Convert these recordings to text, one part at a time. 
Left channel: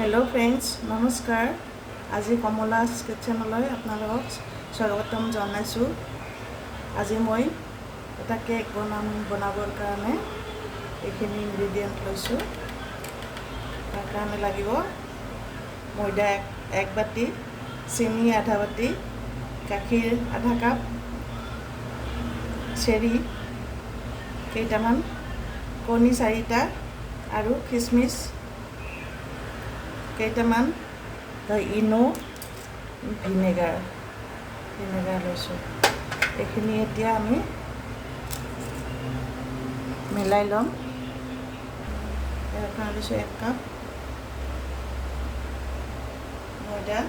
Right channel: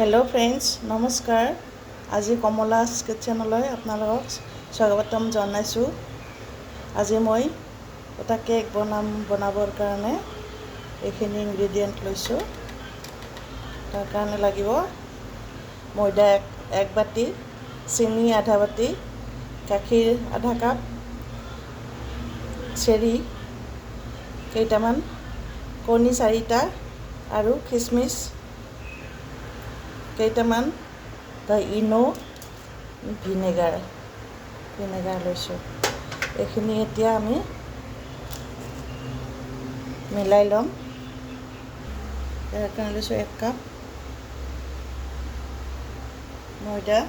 Hello' friends, নমস্কাৰ। আজি কমলাছ কিটচেনলৈ আপোনালোকক স্বাগতম জনাইছোঁ। আজি মই এটা কেক বনাবৰ কাৰণে এইখিনি ইনগ্ৰেডিয়েণ্ট লৈছোঁ। তাৰ কাৰণে লাগিব ময়দা এক বাটি, চেনি আধা বাটি, গাখীৰ আধা কাপ, চেৰি কেইটামান, কণী 4টা আৰু খিচমিচ কেইটামান, ইনো ভিনেগাৰ লৈছোঁ। এইখিনি এতিয়া আমি মিলাই ল'ম। ইয়াৰ কাৰণে লৈছোঁ 1 কাপ ময়দা,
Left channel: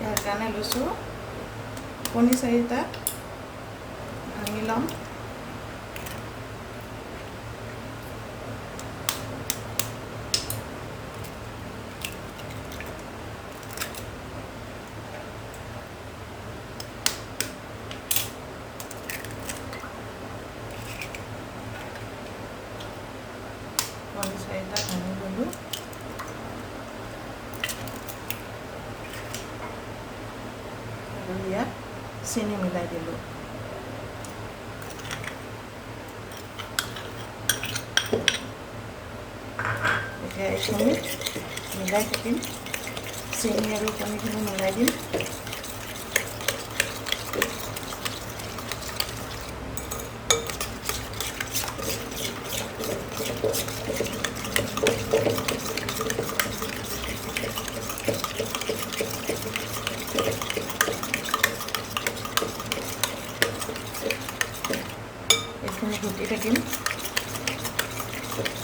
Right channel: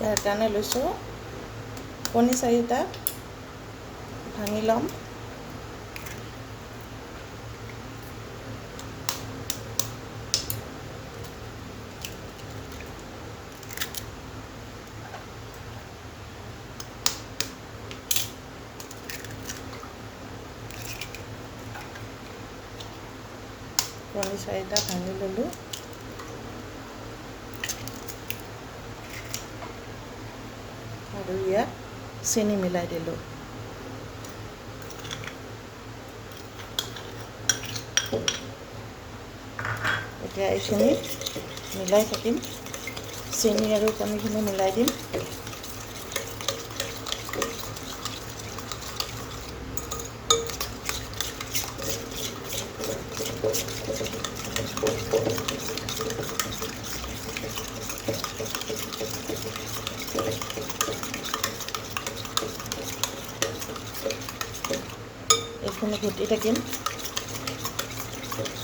ইয়াৰ কাৰণে লৈছোঁ কণী 4টা, ভাঙি ল'ম। কণী 4টা ভাঙি ল'লোঁ। আৰু ইয়াত চেনি মিলাই দিলোঁ। এতিয়া এইখিনি মিলাই থাকিম, চেনি আৰু কণীখিনি মিলাই দিম। এইখিনি ঘুটি থাকিম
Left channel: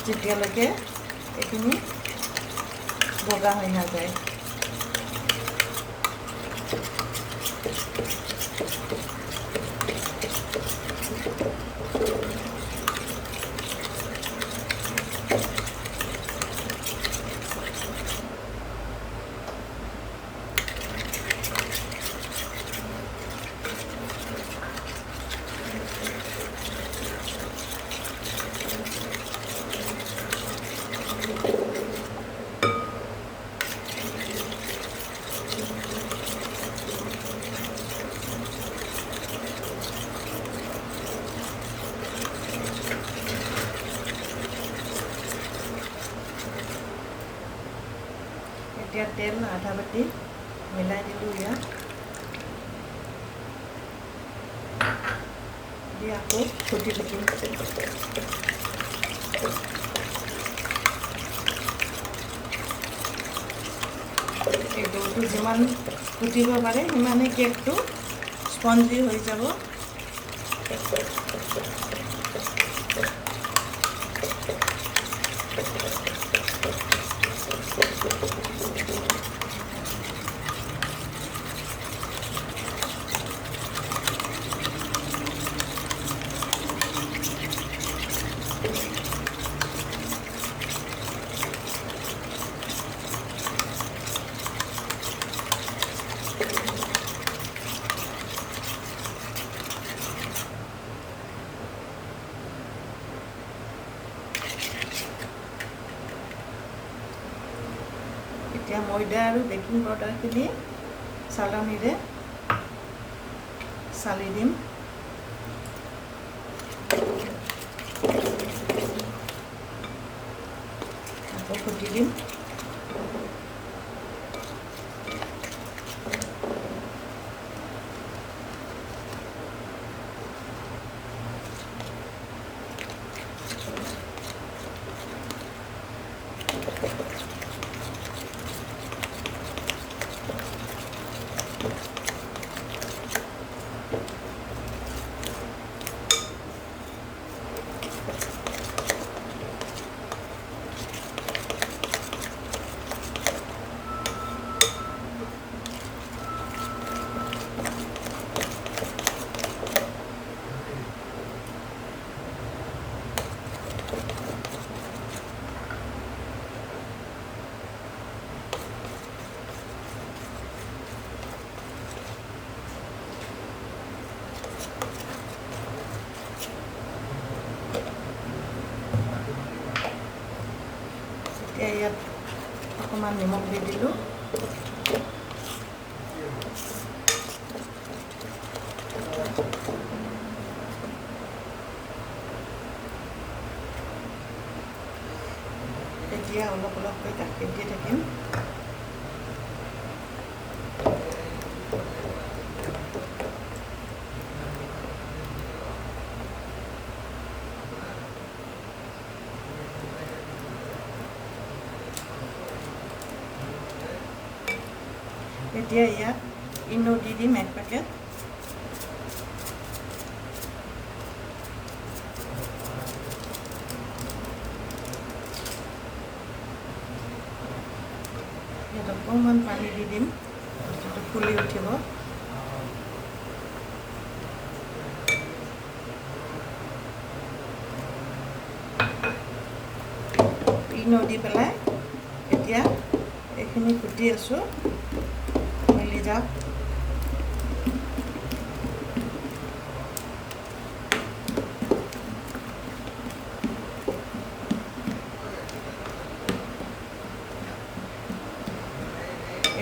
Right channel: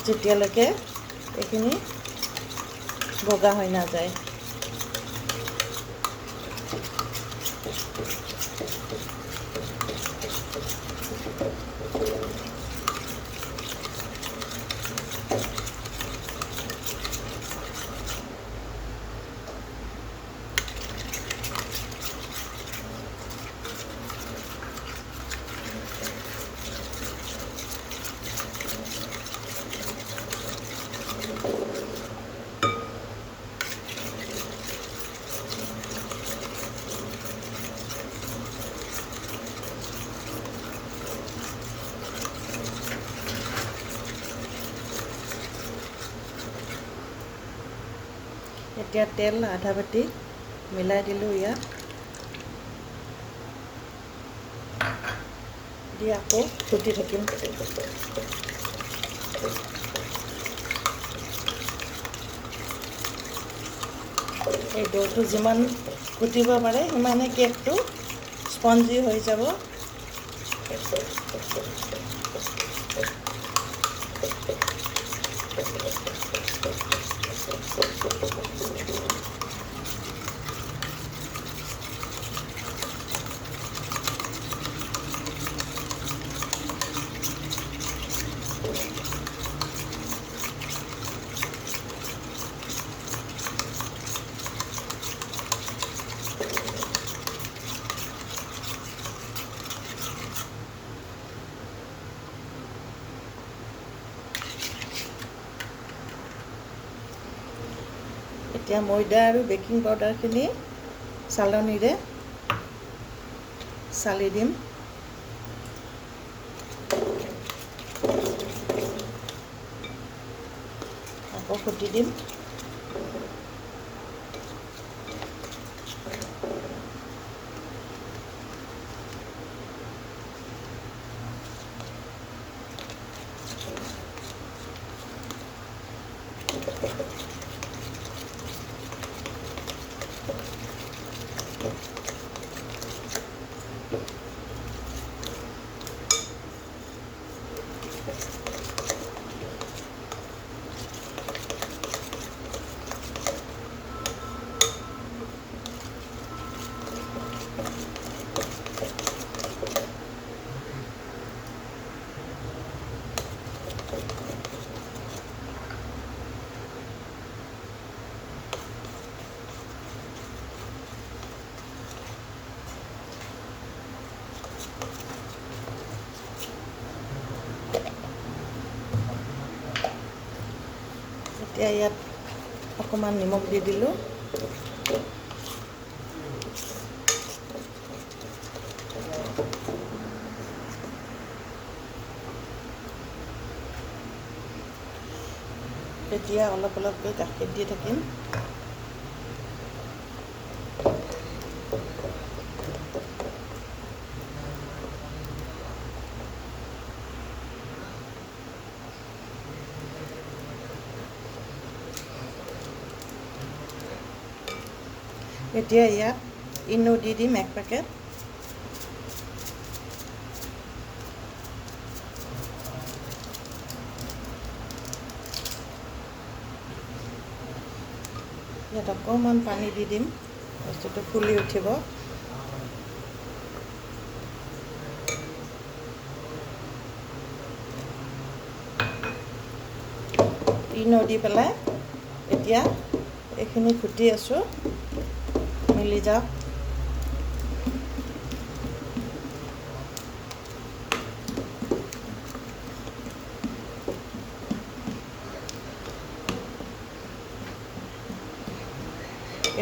যেতিয়ালৈকে এইখিনি বগা হৈ নাযায়। এতিয়া তেল আধা বাটি মিলাই দিলোঁ। ইয়াত দি আকৌ ঘুটি থাকিম। এই ডোটো যিমান ঘুটিব পাৰে সিমানে কেকটো স্পঞ্জি হৈ যাব। এতিয়া ময়দা আৰু বেকিং পাউডাৰখিনি চালনীৰে চালি দিম। আকৌ ঘুটি দিম। এতিয়া ইয়াত অকণমান নিমখ দি দিলোঁ। এতিয়া অলপ অলপকৈ গাখীৰ দি থাকিম। এতিয়া ইয়াত ইনো দি দিম 1 পেকেট। ইয়াত অকণমান পানী দি দিম, বস্তুটো ফুলি উঠিব। ইনো দি পেলাই এতিয়া এইখিনি ঘুটি আছোঁ, মিলি যাওক।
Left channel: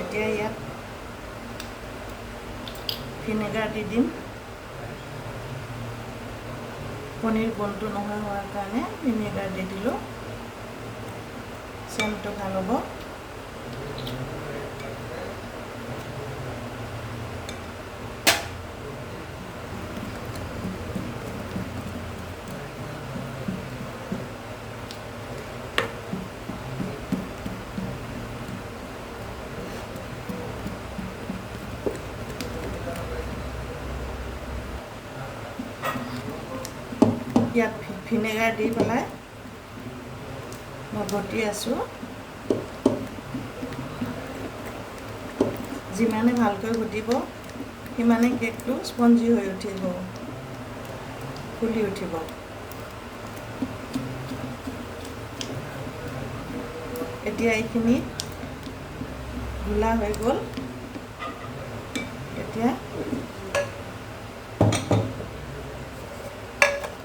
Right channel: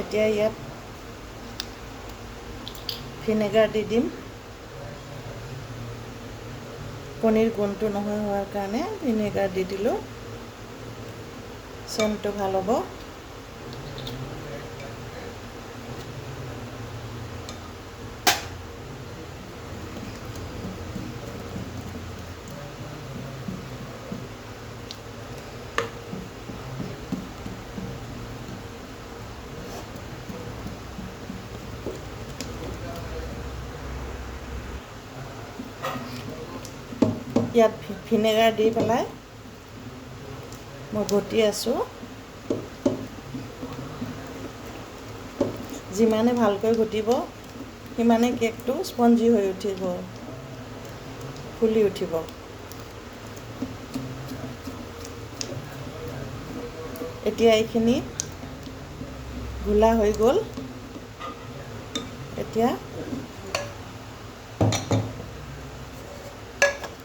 এতিয়া ইয়াত ভিনেগাৰ দি দিম, পনীৰ গোন্ধটো নোহোৱা হোৱাৰ কাৰণে ভিনেগাৰ দি দিলোঁ, চেণ্টটো ভাল হ'ব। ইয়াত ভিনেগাৰ দি পেলাই মই ঘটি আছোঁ। যিমানে ভালকৈ ঘটিব সিমানে কেকটো স্পঞ্জি হৈ উঠিব, ফুলি উঠিব। এতিয়া এইখিনি ঘোলা হৈ গ'ল। এতিয়া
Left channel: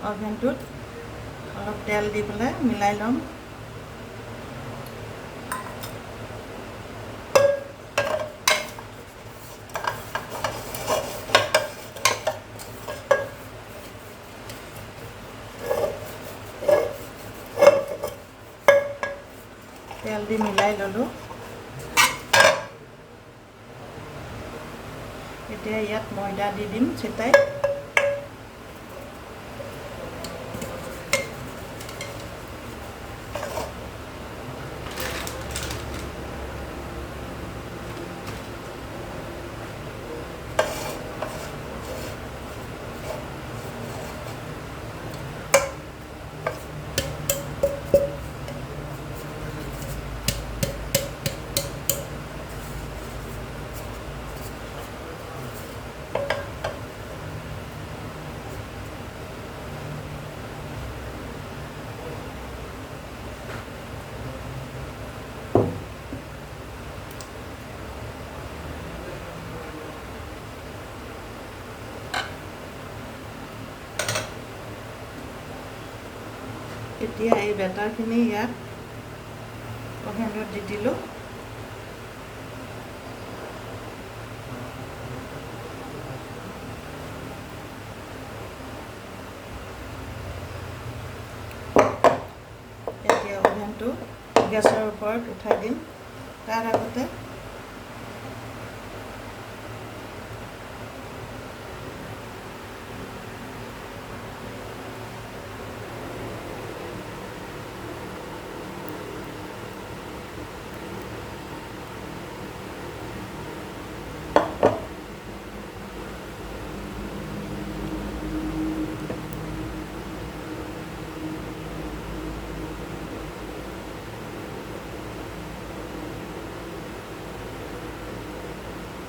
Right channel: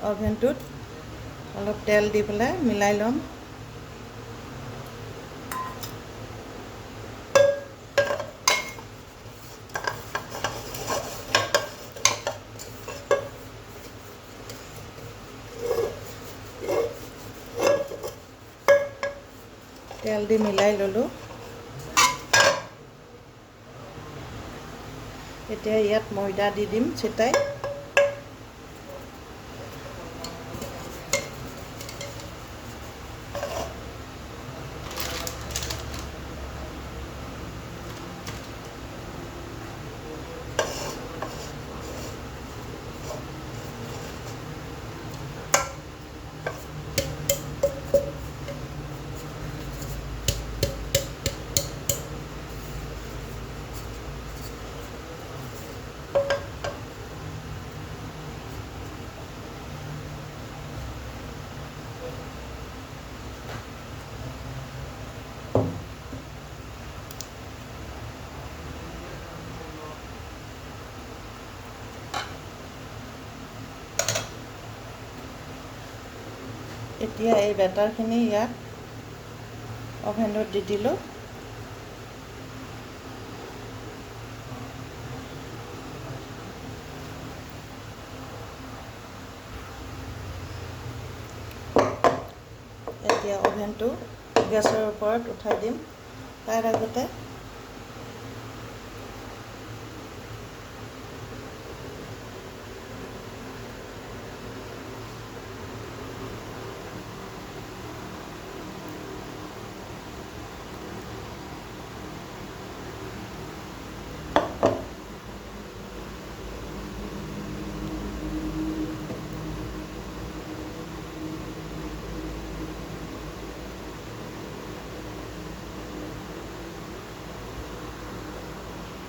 অভেনটোত অলপ তেল দি পেলাই মিলাই ল'ম। তেল দি মিলাই ল'লোঁ। এতিয়া ইয়াত ময়দা দি দিম ছিটাই। এতিয়া এই বেটাৰখিনি ইয়াত অভেনত দি দিলোঁ। এতিয়া অভেনটো গেছৰ ওপৰত উঠাই দিম। তাৰ আগতে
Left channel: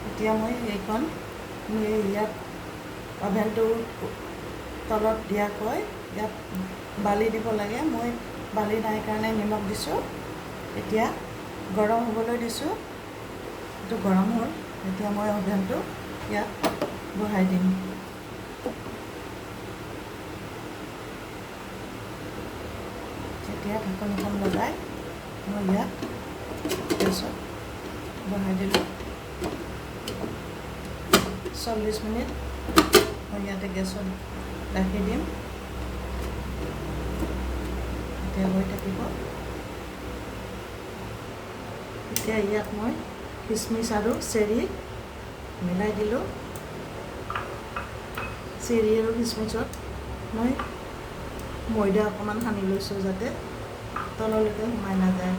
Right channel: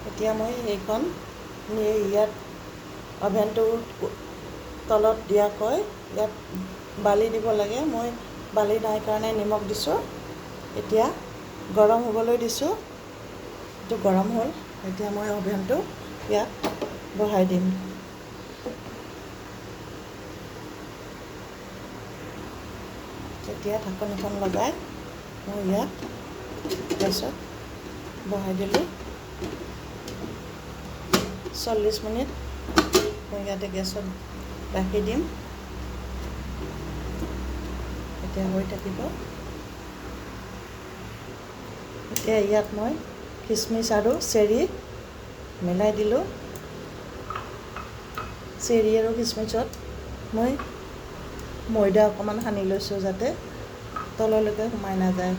এতিয়া মই এইখন ইয়াত অভেনটো তলত দিয়াকৈ ইয়াত বালি দিব লাগে। মই বালি নাই কাৰণে নিমখ দিছোঁ। এতিয়া গৰম হ'বলৈ দিছোঁ। এইটো গৰম হ'ল। এতিয়া মই অভেনটো ইয়াত বহাই দিম। তেতিয়া ঢাকনিখন লগাই মই ইয়াত গেছত বহাই দিলোঁ 40 মিনিট মই ইয়াতে গেছত ৰাখি দিম এতিয়া হৈ থাকিব এতিয়া ইয়াত মই কিচমিচ আৰু চেৰি মিলাই দিলোঁ চেৰি আৰু কিচমিচত মই ময়দা অকণমান সানি লৈছোঁ যাতে তললৈকে সোমাই নাযায়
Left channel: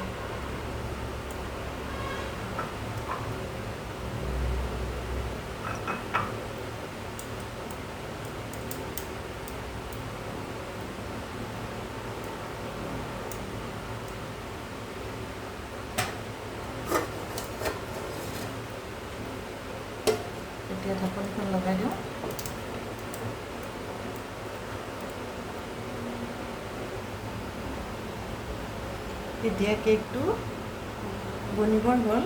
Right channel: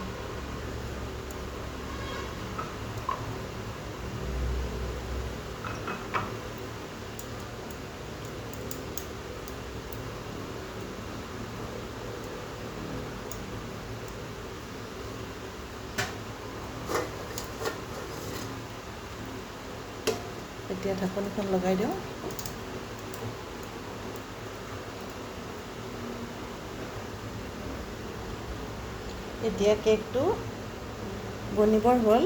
এতিয়া ঢাকনখন লগাই দিওঁ এতিয়া কেকটো বনিবৰ হ'ল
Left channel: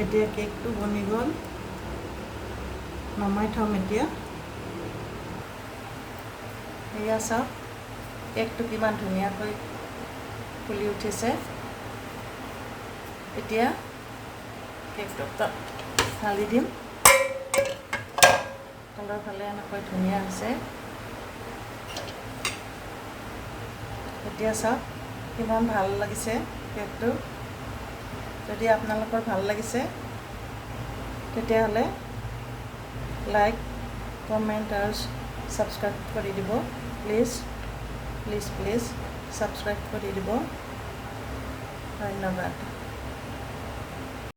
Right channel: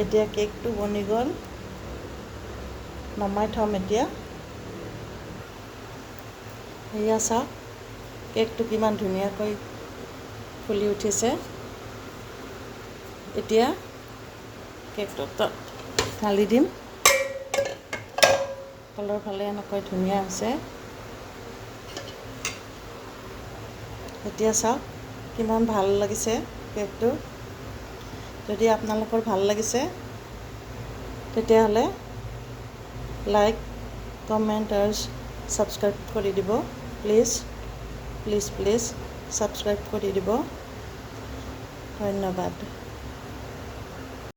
এতিয়া কেকটো বনি গ'ল নমাই থম এতিয়া এয়া চাওক কেকটো কিমান ধুনীয়াকৈ ফুলি উঠিছে এতিয়া কেকটো ঢালি দিম তলৰ ফালে এনেকৈ ধুনীয়া হৈছে এতিয়া চাওক কিমান ভাল লাগিছে কেকটো যদি আপোনালোকৰ ভাল লাগিছে তেতিয়াহ'লে লাইক কমেণ্ট আৰু ছাবস্ক্ৰাইব কৰি দিব প্লিজ প্লিজ প্লিজ ছাবস্ক্ৰাইব কৰি দিব ধন্যবাদ